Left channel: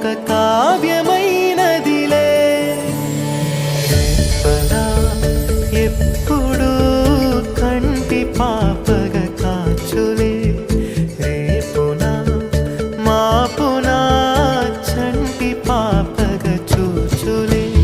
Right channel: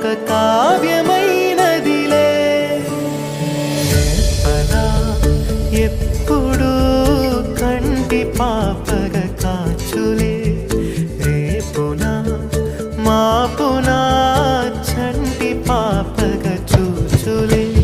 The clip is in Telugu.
ఒక కావ్యమైనదిలే. రేపలా ఎప్పుడు కంటి పాపగ కాచులే, రేపునా మాపునా చంటి పాపగ చూచులే.